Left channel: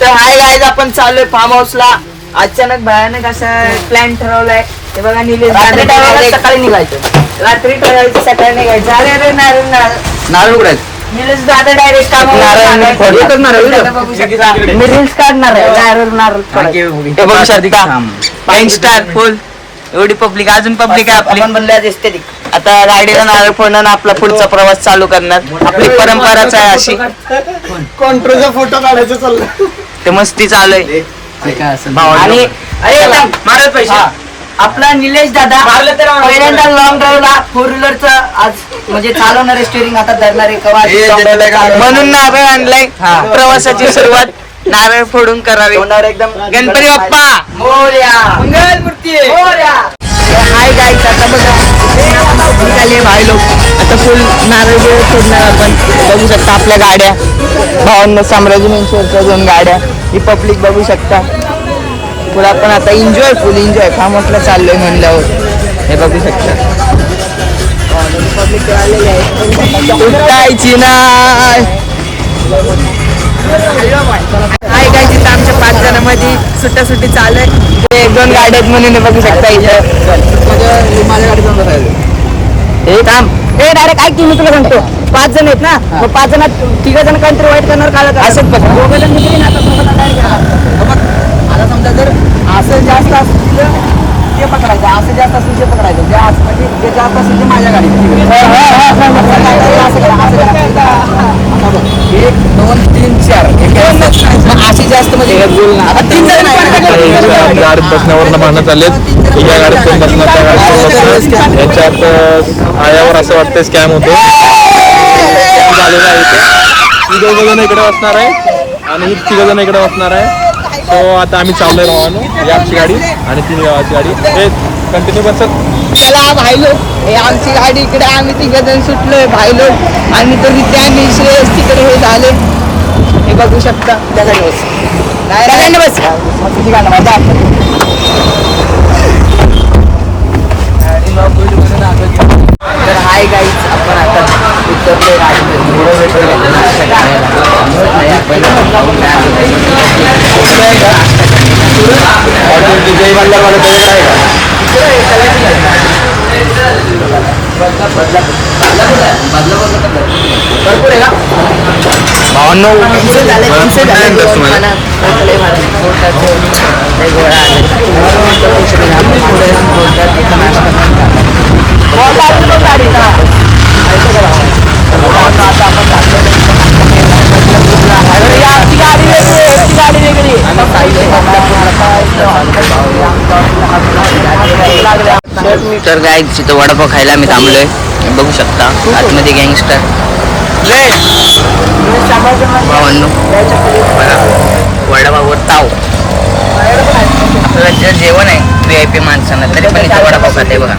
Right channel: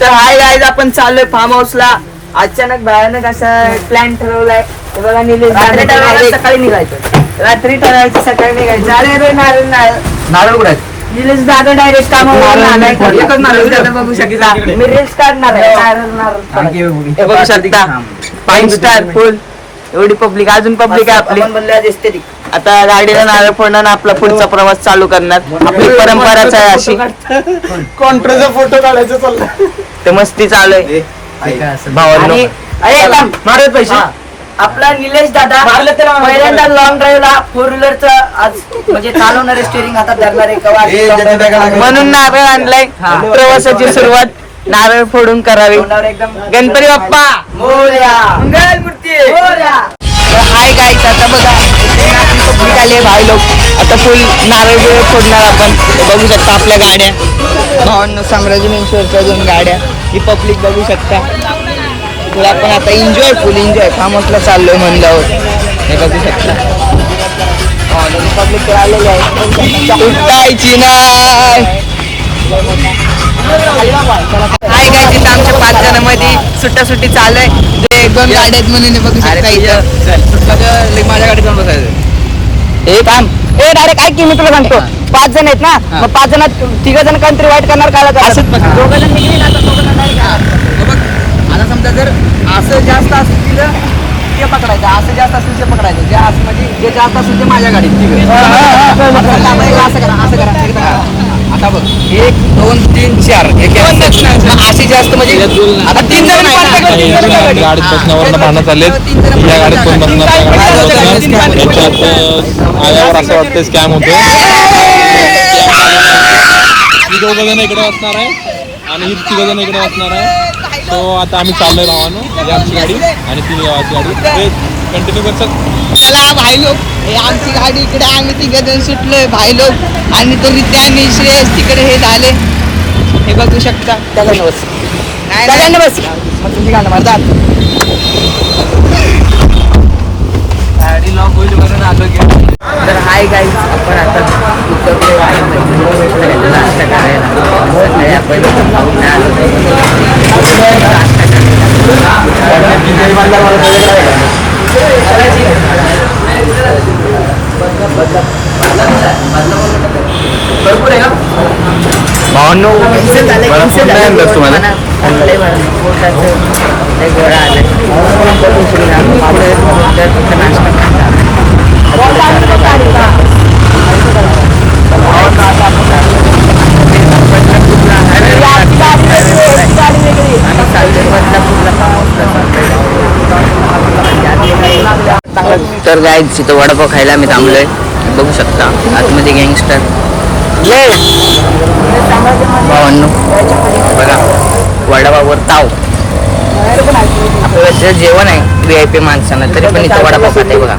तर hi guys, आपण चाललोय फार्म हाऊसला. अचानक भयानक असं प्लॅन ठरवलाय. हे बघा निलेश सकाळी निघायचं, रात्री ठरवायचं, सकाळी निघायचं. अरे अरे नारळ नारळ उघडायचं. निलेश दादा डायरेक्ट काम बघू शकता. मी रील्स काढणार आहे. बघू शकता गँगस्टर फुल एवढी पब्लिक, अजून पब्लिक आहे आपली. आता गाडीला नारळ फोडणार, आपला पुढचा प्रवास चालू करणार. आपली परंपराच आहे अशी. फोटो काढायचा चालला ते मस्ती चालू आहे. आपला निलेश दादा पहिल्यांदा लॉंग ड्राईव्हला 4 व्हीलरचं आज म्हणजे चालवणारे स्टेरिंग आता धरणार आहे. म्हणून नारळ आणलाय. प्रवासाची सुरुवात नारळ फोडून करावी. गणपती बाप्पा मोरया, मंगलमूर्ती मोरया. हाय गाईज, आता बघा भाई लोक आता फुल नारळ बिरळ फोडणार आपण. बघू शकता आपल्या गाड्या, भावांना साम्राज्यमेश्वरच्या 2 गाड्या. ही पब्लिक बघू शकता. फुल आपण आता एन्जॉय, फुल एन्जॉय फार्म हाऊसला चाललोय म्हणल्यावर. हे बघू शकता पब्लिक आलेलं आहे. उठायची नाही. हाय गाईज, इथं आमच्या 5 जणांमध्ये सुट्टी चालू आहे. ते 2 गाड्या आहेत म्हणून हे बघू शकता. इथं माझ्या गाडीत जाऊन बसायचं. हे काम हे डायरेक्ट काय की मी तुला सांगतो, 5 जण आहेत ना, मग 5 जणात 3 जण कंट्री वाईट करणार काढा. असंच बघा, 2 जण निघते ना, आता समजा जर असं जास्त असतील ते पकडायचं, असं जास्त असेल ते पकडायचं. जे असं म्हणजे जे जास्त असेल ते माझ्या गाडीत. असं करा. आता बघ 1 2 3 4 अशी जास्त म्हणजे 3 जण गाडीत बसण्यावर भांडण चाललेत. या गाडीत कोण बसणार, त्या गाडीत कोण बसणार. याच्यात आयावर असं वाटतं स्कॅम होतो. स्कॅम झालेला आहे. ही 2 जण इकडे बसणार आहे आणि ही 3 जण इकडे बसणार आहे. सो आता आम्ही चाललोय भावानो. ही आमची गाडी आणि ती गावाची गाडी. हे कंटिन्यू बसत. चला भाई लोक, हे आमची गाडी इकडे, आम्ही 3 जण सुटलोय भाई लोक. आणि तो रित्याने श्रेयस तिकडे हे झाले. हे बघू शकता. बस नाही बस तुझी गाणं माझा तर हाय गाईज, आपण आता उतरलो आपण भरपूर आहे का भावांनो. तर गाईज तिथं वडापाव खायला आम्ही थांबलोय. बघू शकता आतमध्ये गँगस्टर भावांनो. बघा वडापाववर ताव. आपल्याला जेवण आहे VIP माणसांना, तरी पण इथं वडापाव खाते बघा.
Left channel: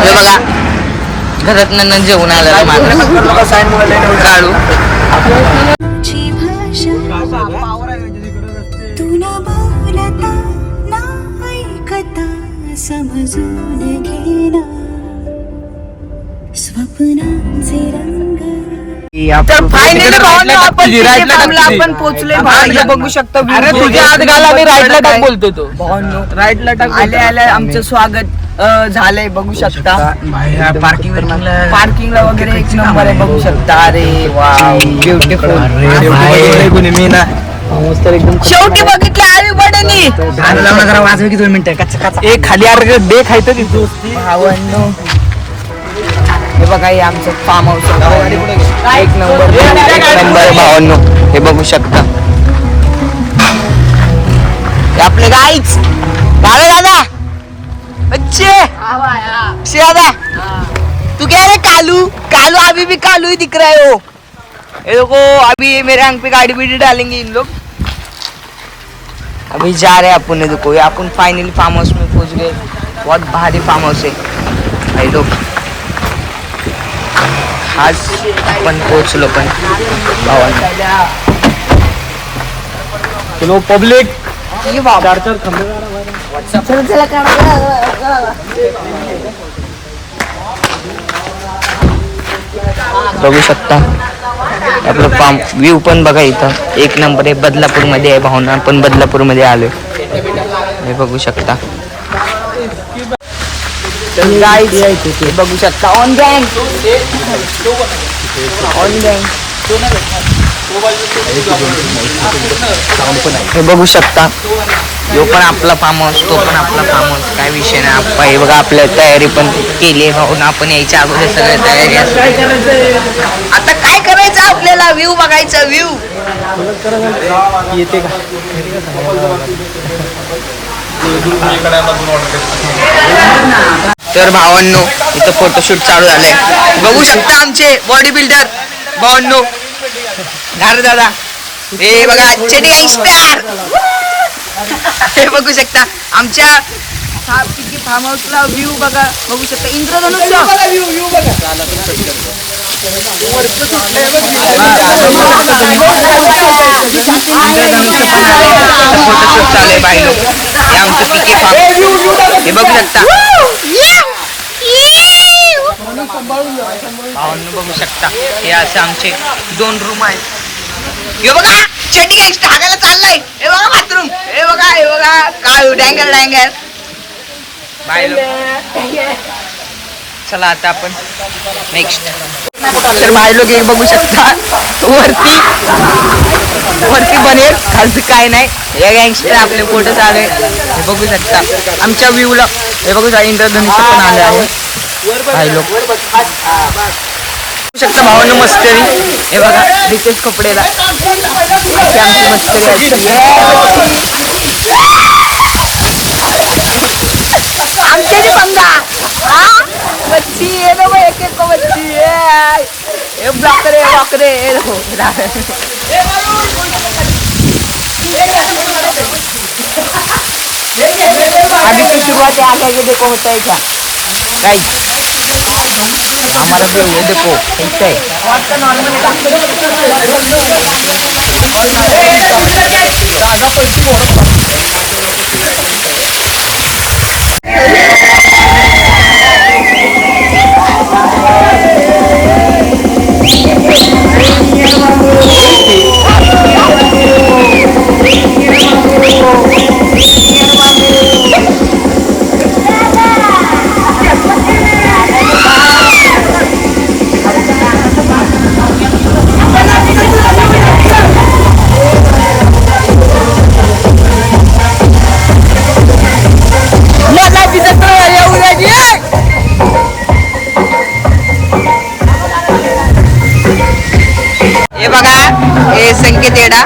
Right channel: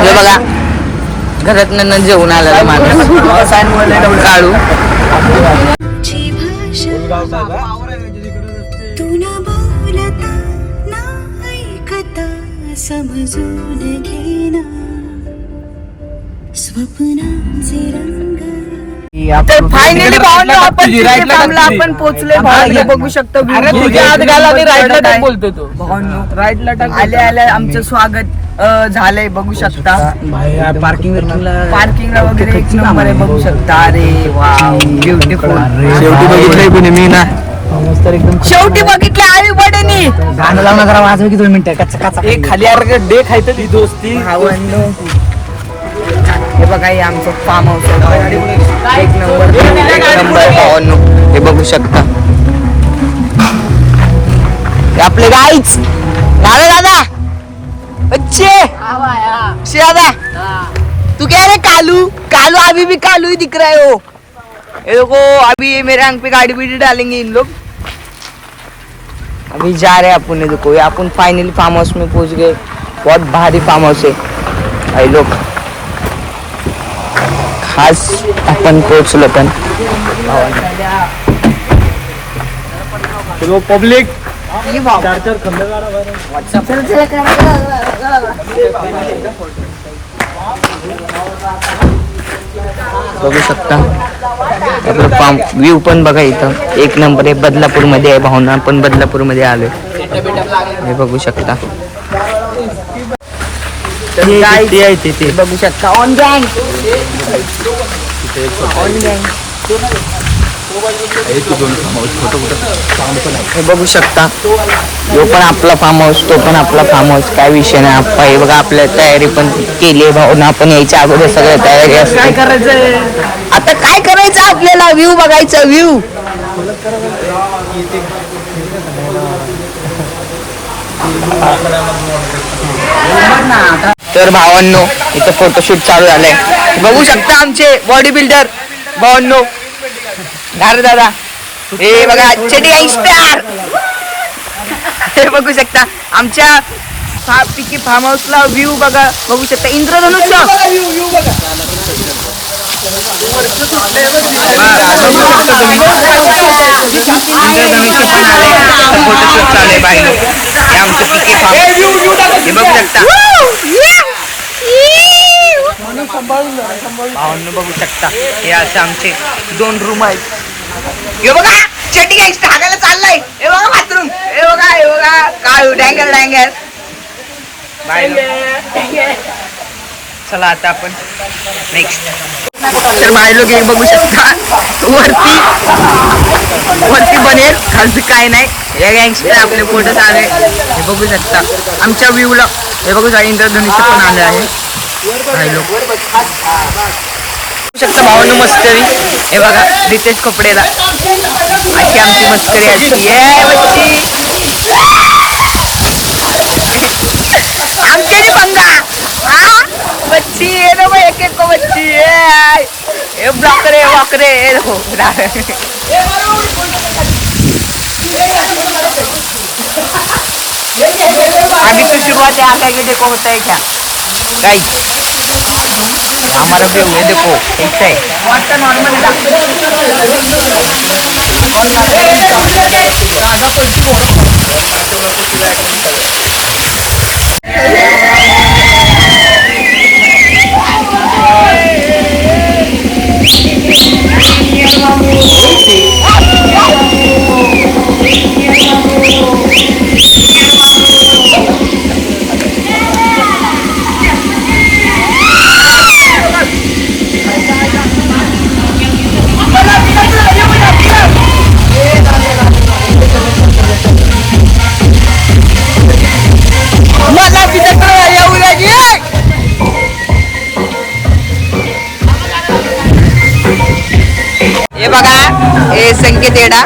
हे बघा घरात जेवून आलेला माणूस काळू. समजून घेना स्वप्नांचे रंग. तर फायनली भावांनो आपण तिथे थांबलो, आपण पोहोचलोय भावांनो. बघू शकतो आले आमचं स्वागत झालंय. बघू शकता पार्किंगला वगैरे 1 नंबर आहे. बघू शकता. अरे वाव ब्युटिफुल. शेवटी बघितलं आई बडेनी गाणं लावणं जरा वाजव की 2 मिनिटं. कच्चा खाली डे खायचं दोस्ती भावांनो. हे बघा हे आमचं फार्म हाऊस आहे. 1 नंबर भावांनो. हे बघू शकता. हे आपले गाईच गावे दादा. अच्छे दादा तू क्या रे कालू कालू अभी भी कालू ही दिख रहा है वो. ये देखो अभी मेरे आंख पे गाड़ी भी डालेंगे इन लोग. अभी जा रहे हैं अपन. ने देखो अपन फाइनली फार्म हाउस में पहुंच गए. बहुत भारी फार्म हाउस है. लोग खास अपन पोहोचलो पण. चलो पब्लिक बघू शकता आपलं फार्म व्ह्यू पण बघा इथं एक नंबर आहे. बदलापूर मध्ये आहे. भावना पण बदलापूर मध्ये आलोय हे बघू शकता. ते बघू शकता ऑन गँग हे बघू शकता. यो पण आपला फार्म हाऊस तो पण आपला फार्म हाऊस काय विषय नाही. आप्पा हे बघा आपल्या तयारी पण केली आहे भावना. आपण यायच्या अगोदर सगळं तयारी असते. आता काय करायचं आपल्याला व्ह्यू बघायचा व्ह्यू. तर भावांनो इथं फोटोशूट चालू झालंय. बघू शकता आमचे बॉडी बिल्डर भावांनो गार दादा. हे बघा चेडी गँगस्टर हे बघू शकता. आमच्या पिकी फार्म हाऊसला व्ह्यू बघा. बघू शकता इंद्रधनुष्य इंद्रधनुष्य पण आले. फोटोशूट चालू आहे बाई लोक. हे आमचं पिके फार्म हे बघू शकता. भावांनो बघू शकता हे असे आमचे 2 रूम आहेत. हे बघा चेटी गँगस्टर हागायला चाललाय. हे बघा बाथरूम. हे बघा काय डँगर डँगर बाय लोक. चला आता आपण नेक्स्ट. तर बाय लोक हे बघू शकता वरती बनेल खालचं काय नाही. हे गँगस्टर आपले फोटो चालू आहे हे बघू शकता. आमच्या व्ह्यूला हे बघू शकता इंद्रधनुष्य पण आले आहे. बाय लोक बघू शकता भावांनो मस्करी. हे बघा रितेश कपडेला अशी आमची मस्करी असते. आमच्या जी पंगा बच्ची ये ना भाई एक एक को बच्ची ये ब्लॉकरे वॉकरे ये देखो. अभी तो शुरुआत है. आगे देखो होता है क्या गाइस. हमारा व्यू है देखो ऐसा है. हे बघा हे संकेत येडा.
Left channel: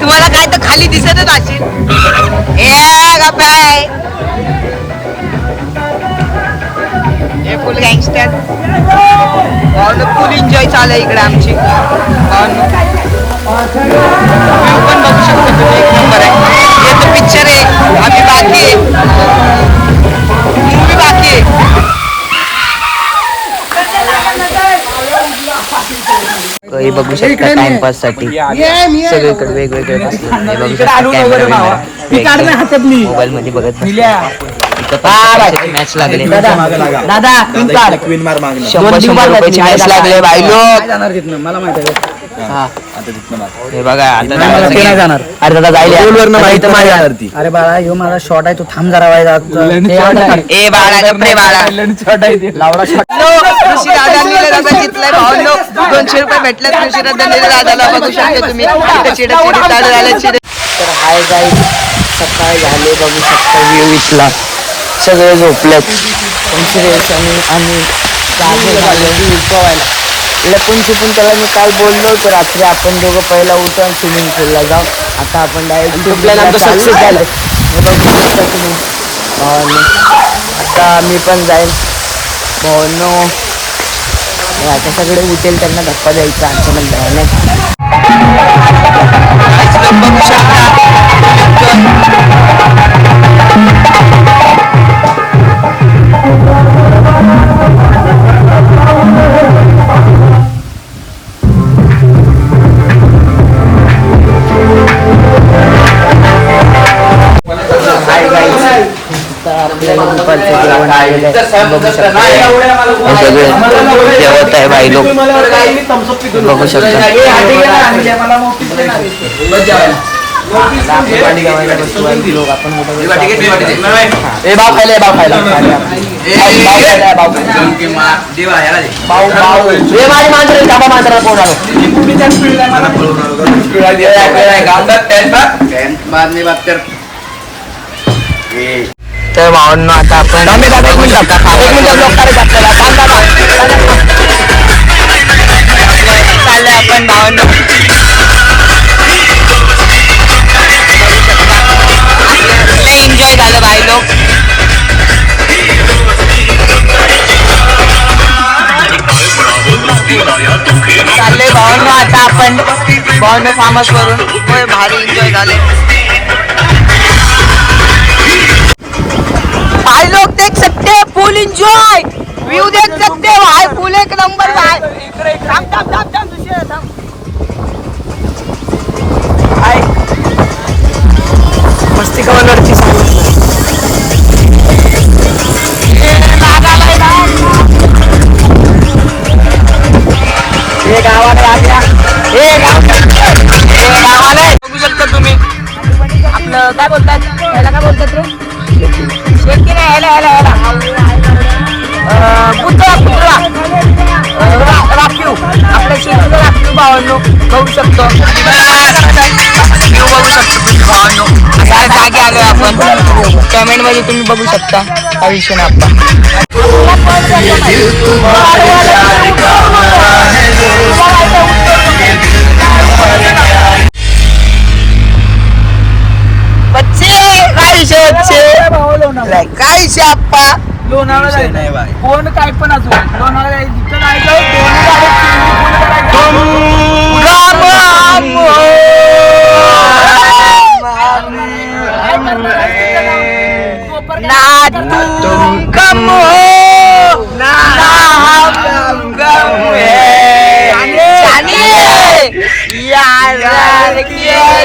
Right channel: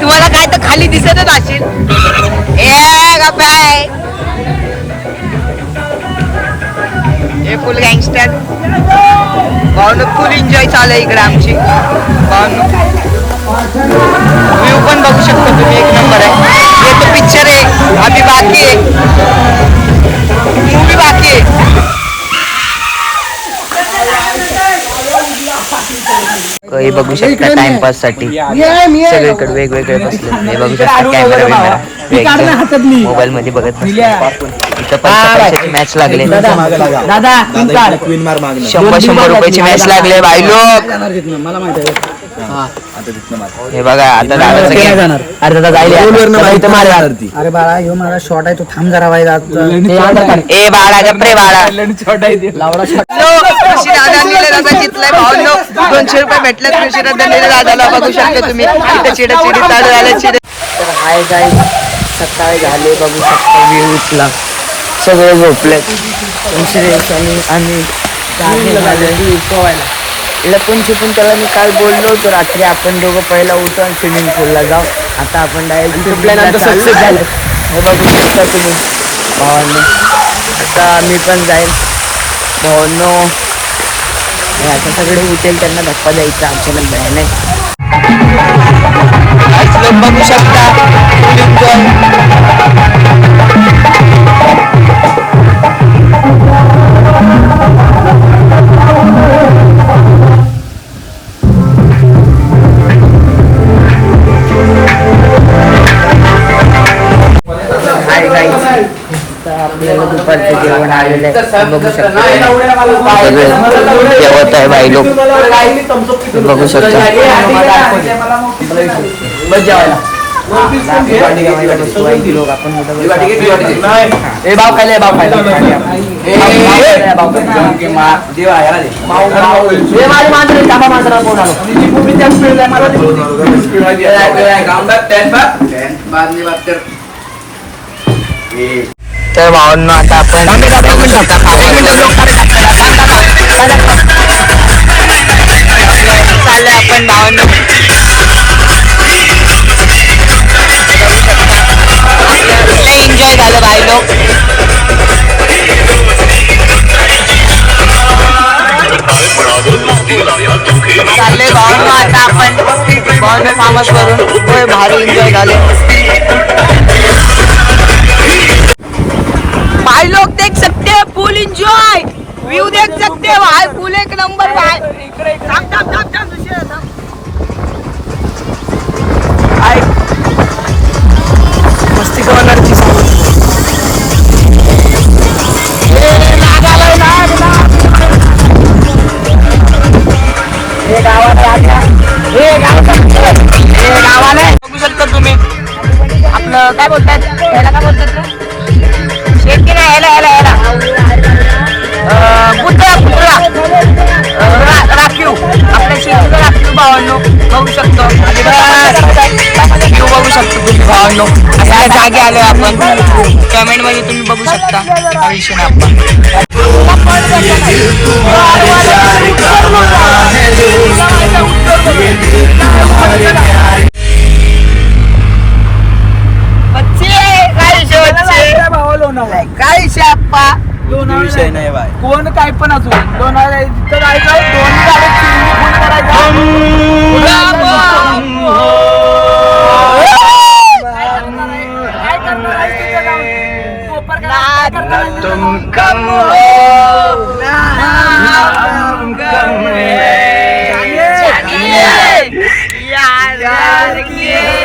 तुम्हाला काय तर खाली दिसतच असेल. हे फुल गँगस्टर भावनो फुल एन्जॉय चालू आहे इकडे आमची भावनो. व्ह्यू पण बघू शकता तुम्ही एक नंबर आहे. हे तो पिक्चर आहे अभी बाकी आहे. मूवी बाकी आहे. हे बघू शकता टाइमपास साठी सगळीकडे वेगवेगळे बसले. हे बघू शकता मोबाईल मध्ये बघत इथं पण मॅच लागले. दादा 100 रुपयाची मॅच लागले भाई लोक. हे बघा आता जाणार. अरे दादा जायला. अरे बाळा ह्यो माझा शॉट आहे तो थांब जरा वाय. ए बाळा गप्रे बाळा लावडा शॉट. दादा घेतलाय भावनो 200 रुपये भेटले. दादाला बघू शकता तुम्ही इथं चिडचिडी चालू झाले. तर हाय गाईस सकाळी झाले बघू शकता. व्ह्यू इथला सगळे झोपलेत. आम्ही लपून छुपून त्याला मी काल बोललो होतो रात्री आपण दोघं पहिला उठू आणि स्विमिंग पूलला जाऊ. आता आपण डायरेक्ट सक्सेस झाले. हे बघू शकता तुम्ही भावांनो. आता मी पण जाईल भावांनो. आता सगळे उठेल त्यांना धप्पा द्यायचा अचानक भयानक. काहीच लोक बघू शकता. आपल्याला दुपारचं जेवण आलेलं आहे बघू शकता हे सगळे जेवत आहे भाई लोक बघू शकता लोक आपण तर भावांनो आता आपण बघू शकता चाललंय आपण भावांनो बघू शकता आपलं एन्जॉय झालं भाई लोक चाललंय भावांनो आता आपण भावांनो फार्म हाऊस वरून होय भारी एन्जॉय झाले भाई लोग देख सकते हैं फुल एंजॉय व्यू देख सकते हैं भाई फुल एक नंबर भाई मस्ती कवरची बघू शकता तुम्ही आपलं काय बोलतात ह्याला काय बोलतात रे शेती नाही ह्याला राखीव आपल्या शेतीचं राखीव भावांनो बघू शकतो व्ह्यू बघू शकतो तुम्ही भावांनो आपल्या जागे आलोय आपण कमेंट मध्ये तुम्ही बघू शकता काही विषय नाही काय शाप्पा कोण काय पण असो लोणावळा जिथं जायचं दोन गाडी फुल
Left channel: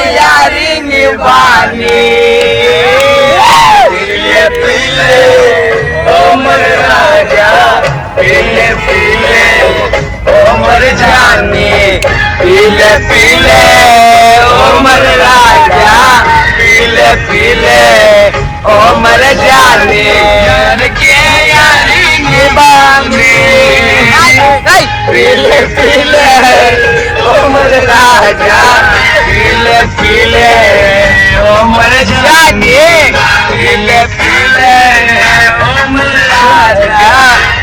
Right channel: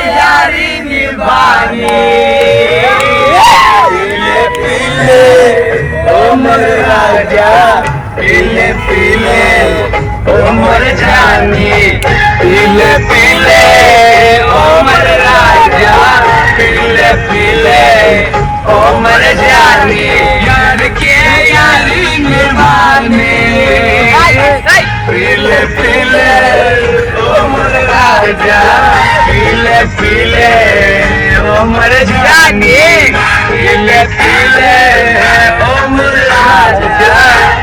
यारी निभानी उमर राजा पीले पीले उमर जानी पीले पीले उमर राजा पीले पीले उमर जानी यार के यारी निभानी पीले पीले उमर राजा पीले पीले उमर जानी पीले पीले उमर राजा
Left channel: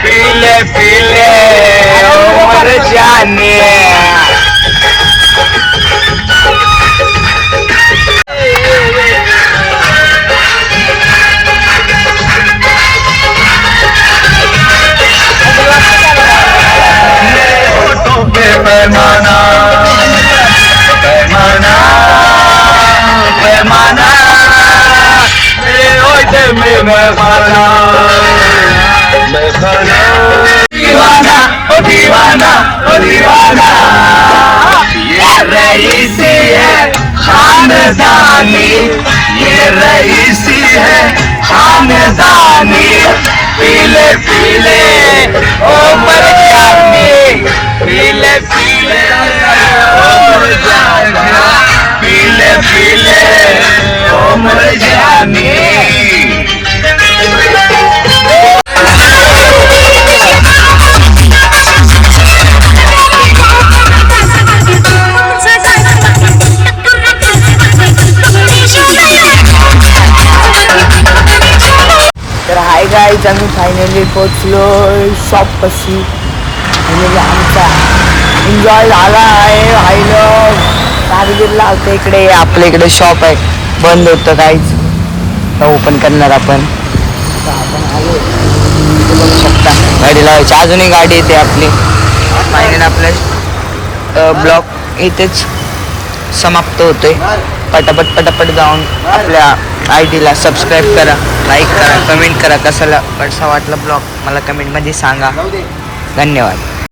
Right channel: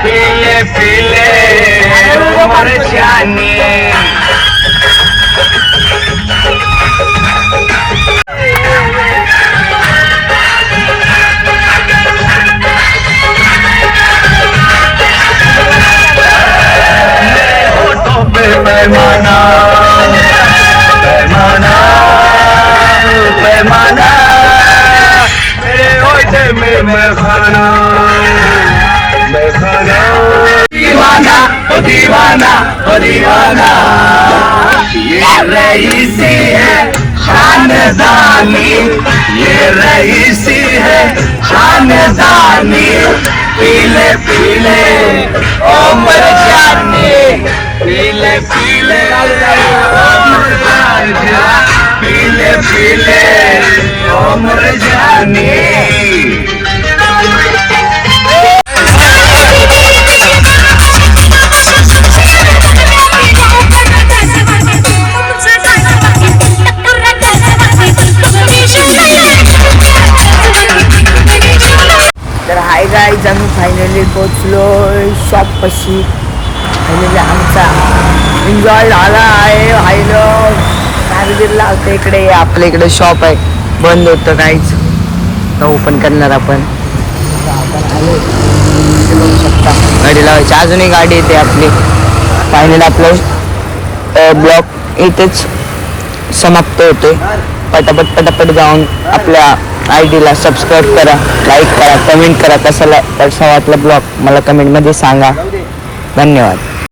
पीले पीले उमर जानी पैमाना पैमाना पैमाना मेरे होठ में पैमाना दीवाना दीवाना दीवाना ये रईसी है खानदानी ये रईसी है खानदानी पीले पीले उमर जानी पीले पीले उमर राजा पीले पीले उमर जानी तर हाय गाईज आम्ही फायनली पोचलो शॉपपाशी फायनली आमचा एन्जॉय झाला आहे हाय लोक कारगिरला होतं इकडे आपल्या इकडे शॉप आहे बंद होतं काहीच तर ओपन करणार आपण आता आपण आलो बघू शकता गाडी लावायची अजूनही गाडी येते आपली फायनली आपलं ब्लॉग इथेच समाप्त होतोय पटापट पटापट जाऊन आपल्या ID ला सबस्क्राईब करा लाईक करा कमेंट करा कसा वाटला ब्लॉग मला कमेंटमध्ये सांगा धन्यवाद.